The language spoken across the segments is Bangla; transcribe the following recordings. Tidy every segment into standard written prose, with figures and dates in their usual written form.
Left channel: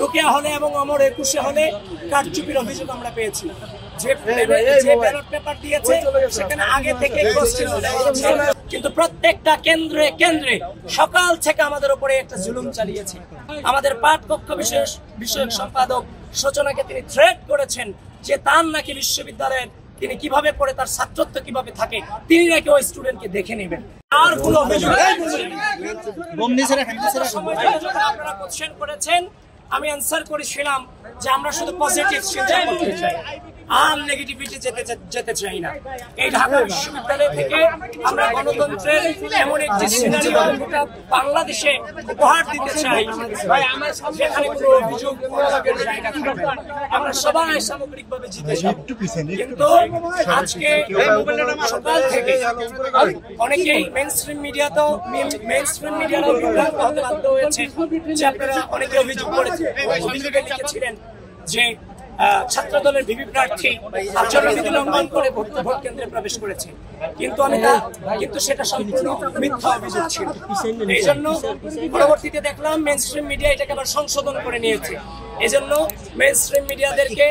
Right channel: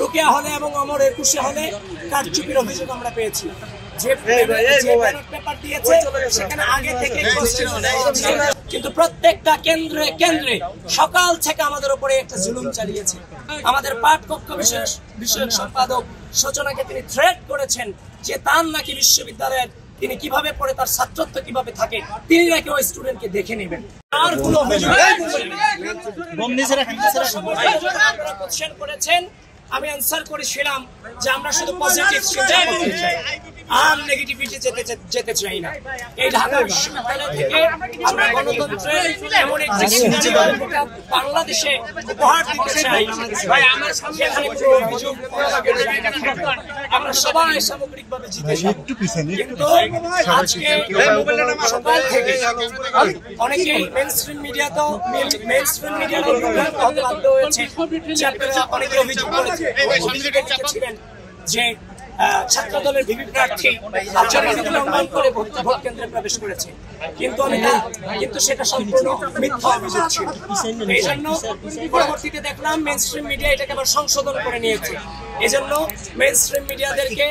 রোকেয়া হলে এবং অমর 21 হলে কারচুপির অভিযোগ আমরা পেয়েছি। যে ব্যালট পেপার দিয়েছে সেখানে আগে থেকে কোশ্চেন দেওয়া আছে, কিন্তু প্রত্যেকটা কেন্দ্রে কেন্দ্রে সকাল থেকে আমাদের উপরে একটা জুলুম চালিয়েছে। আমাদের পাঠকক্ষ বিষয়ক সম্পাদক সূচনাকে তিনি থ্রেট করেছেন যে তার নাকি বিশ্ববিদ্যালয়ের তিনি কিভাবে পড়ে, তার ছাত্রত্ব কিভাবে থাকে, তিনি নাকি ওই স্টুডেন্টকে দেখে নেবেন। আর কোনো অভিযোগ আপনারা কোশ্চেন করেছেন, আমি আনসার করেছিলাম যে আমরা শুধু পজিটিভ চিন্তা করতে চাই আর নেগেটিভিটি যেতে চাই না। এই ঢাকা বিশ্ববিদ্যালয় থেকে আমরা গণতন্ত্রের এমন একটি সিনারিও গোটা বাংলাদেশে উপহার দিতে চাই যেখানে কোনো অভিযোগ আমরা সবাই সামগ্রিকভাবে জিতে যাই। কিন্তু আজকে সকাল থেকে অনেকেই মেইনস্ট্রিম মিডিয়ারাও বিভ্রান্ত হতে বাধ্য হয়েছে যে আপনারা অনেকে অভিযোগ করেছেন, অভিযোগে লিখেছিলেন যে ছাত্র দলের ভিপি প্রার্থী আচরণবিধি লঙ্ঘন করে ভোট কেন্দ্রে প্রবেশ করেছে, কিন্তু সেটা সম্পূর্ণ মিথ্যা অভিযোগ ছিল। এই জন্য পরবর্তীতে দেখলাম মেইনস্ট্রিম মিডিয়া এটাকে আবার সংশোধন করে নিয়েছে। এই জন্য মেইনস্ট্রিম মিডিয়াদেরকে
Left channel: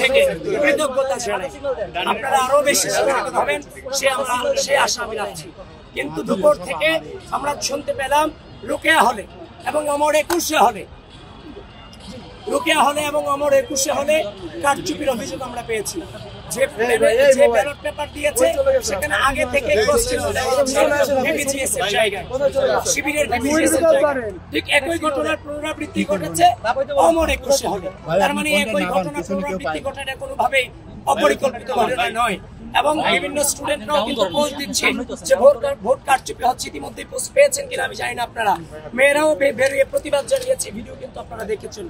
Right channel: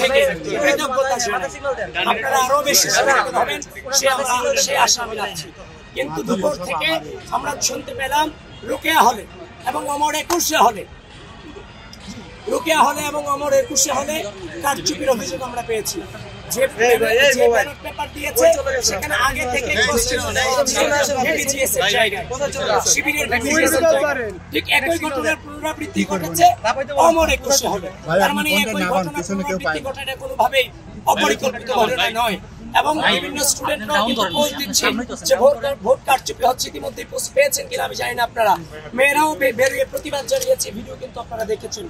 থেকে কৃতজ্ঞতা জানাই। আপনারা আরো বেশি সচেতন হবেন সে আশা আমি রাখছি। কিন্তু দুপুর থেকে আমরা শুনতে পেলাম রোকেয়া হলে এবং অমর 21 হলে কারচুপির অভিযোগ আমরা পেয়েছি। যে ব্যালট পেপার দিয়েছে সেখানে আগে থেকে কোশ্চেন দেওয়া আছে বিবিজিএস এর জায়গায়, শিবিরের বিবিজিএস এর জায়গায়। ঠিক একই ঘটনার পুনরাবৃত্তি ঘটেছে অমর 21 হলে। তার মানে একই ঘটনার পুনরাবৃত্তি ঘটাটা কোনোভাবেই অপরিকল্পিত ঘটনা নয়। এবং বিভিন্ন স্টুডেন্টরাও কিন্তু পোস্ট দিচ্ছে যে ভোট কারচুপি হচ্ছে। ইতিমধ্যে পোস্ট পেয়েছেন কিনা আমি জানি না আপনারা, মেয়েরাও বেরিয়ে প্রতিবাদ জানিয়েছে, ভিডিও কিন্তু আপনারা দেখেছেন।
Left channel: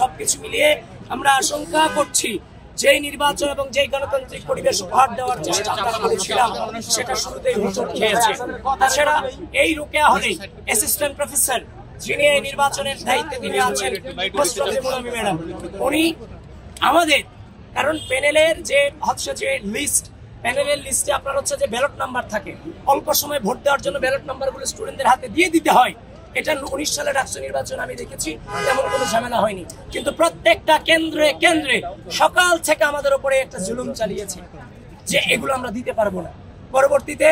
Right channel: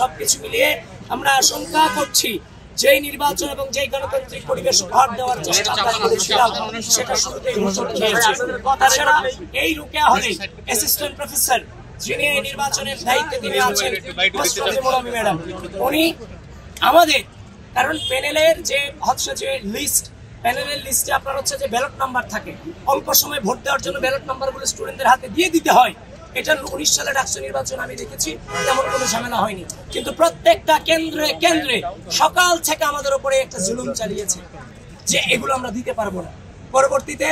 সবকিছু মিলিয়ে আমরা আশঙ্কা করছি যে নির্বাচন এবং যে গণতান্ত্রিক পরিবেশ উপহার দেওয়ার চেষ্টা আমরা করেছিলাম সেটা শুরুতেই হোঁচট খেয়েছে। তাছাড়া এই রোকেয়া হলে অ্যাসিস্ট্যান্ট প্রফেসর যিনি এই নির্বাচনের দায়িত্বে তিনি আছেন মুনামি ম্যাডাম, উনি আমাদের কারণ প্যানেলের যে লিস্ট, প্যানেলের লিস্টে আপনার হচ্ছে যে ব্যালট নাম্বার থাকে, অল্প সময় ভোট দেওয়ার জন্য ব্যালট নাম্বারগুলো স্টুডেন্টদের হাতে দিয়ে দিতে হয়। এটা 19 সালের ডাকসু নির্বাচন আমি দেখেছি, তেমন কোনো ঝামেলা হয়নি। কিন্তু প্রত্যেকটা কেন্দ্রে কেন্দ্রে সকাল থেকে আমাদের উপরে একটা জুলুম চালিয়েছে যে এগুলো আমরা দিতে পারবো না। পরবর্তীতে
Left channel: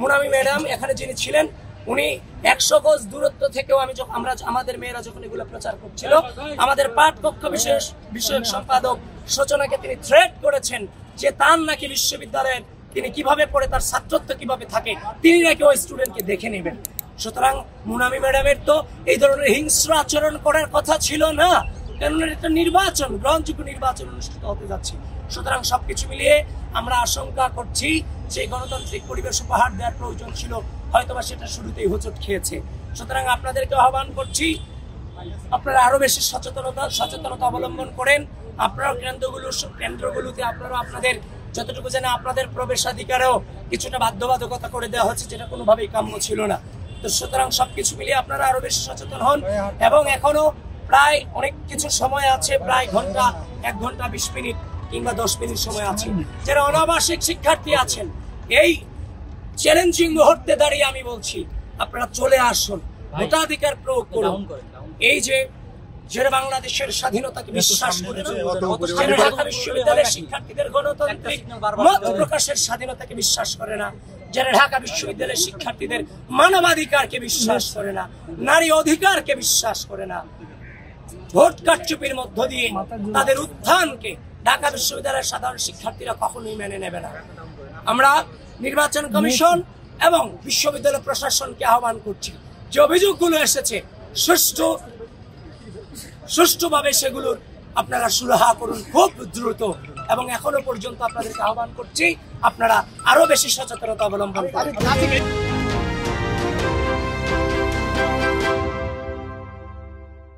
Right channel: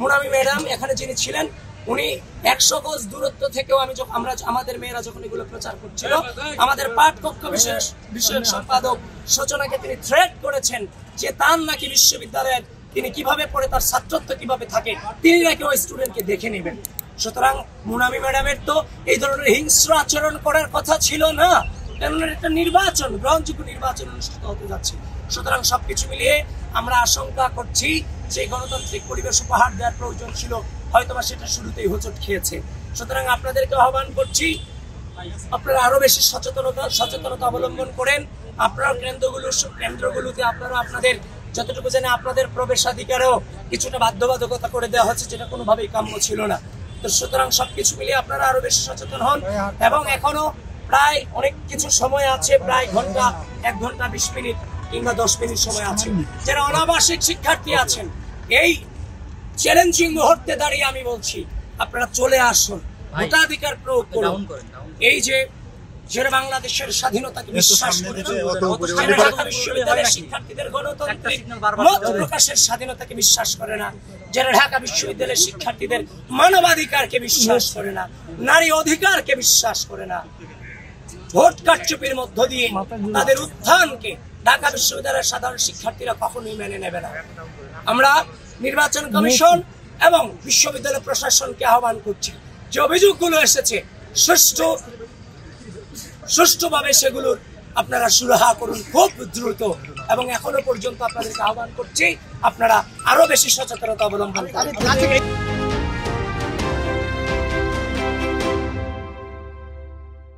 মুনামি ম্যাডাম এখানে যিনি ছিলেন, উনি 100 গজ দূরত্ব থেকেও আমাদের মেয়েরা যখন এগুলো প্রচার করছিল, আমাদের পাঠকক্ষ বিষয়ক সম্পাদক সূচনাকে তিনি থ্রেট করেছেন যে তার নাকি বিশ্ববিদ্যালয়ের তিনি কিভাবে পড়ে, তার ছাত্রত্ব কিভাবে থাকে, তিনি নাকি ওই স্টুডেন্টকে দেখে নেবেন। সুতরাং মুনামি ম্যাডামের তো এই ধরনের হিংস্র আচরণ করার কথা ছিল না, কেননা একটা নির্বাচন, গ্রহণযোগ্য নির্বাচন অনুষ্ঠিত হতে যাচ্ছে। সুতরাং সবকিছু মিলিয়ে আমরা আশঙ্কা করছি যে গণতান্ত্রিক পরিবেশ উপহার দেওয়ার প্রয়োজন ছিল, হয়তোবা সেটা শুরুতেই হোঁচট খেয়েছে। সুতরাং আপনাদেরকে আহ্বান করছি, আপনারা আরো বেশি সচেতনতা অবলম্বন করেন। আপনারা কেন্দ্রগুলোতে আপনারা আপনাদের যতটুকু জানে আপনাদের প্রবেশাধিকারেও কিছুটা বাধ্যবাধকতা করে দেওয়া হচ্ছে, যেটা কোনোভাবেই কাম্য ছিল না। তো সুতরাং সবকিছু মিলিয়ে আপনারা আরো বেশি সচেতন হন। এবং এখনো প্রায় অনেক কিছু সময় আছে, প্রায় 1 ঘন্টা 20 মিনিট কিংবা 10 মিনিট সময় আছে। যারা অনাবাসিক শিক্ষার্থী আছেন, এই চ্যালেঞ্জিং মুহূর্তে দাঁড়িয়ে আমি বলছি আপনারা চলে আসুন, ভোটাধিকার প্রয়োগ করুন। এই যে যারা বাংলাদেশের স্বাধীনতাকে বিশ্বাস করে না, যারা ঢাকা বিশ্ববিদ্যালয়ের শিক্ষার্থীদের গণতান্ত্রিক মত প্রকাশের স্বাধীনতাকে বিশ্বাস করে না, যারা ঢাকা বিশ্ববিদ্যালয়ের শিক্ষার্থীদের মানবাধিকারকে বিশ্বাস করে না, নারী অধিকারকে বিশ্বাস করে না, ভোট কারচুপির মধ্য দিয়ে তাদের উত্থানকে ঢাকা বিশ্ববিদ্যালয়ের সাধারণ শিক্ষার্থীরা কখনোই মেনে নেবে না। আমরা নির্বাচন কমিশন এবং বিশ্ববিদ্যালয় প্রশাসনকে আহ্বান করছি যে অভিযোগগুলো এসেছে সুষ্ঠুভাবে সেগুলোর আপনারা সুরাহা করুন খুব দ্রুত। এবং এখনো পর্যন্ত আপনাদেরকে আহ্বান করছি আপনারা আরো বেশি সচেতনতা অবলম্বন করুন।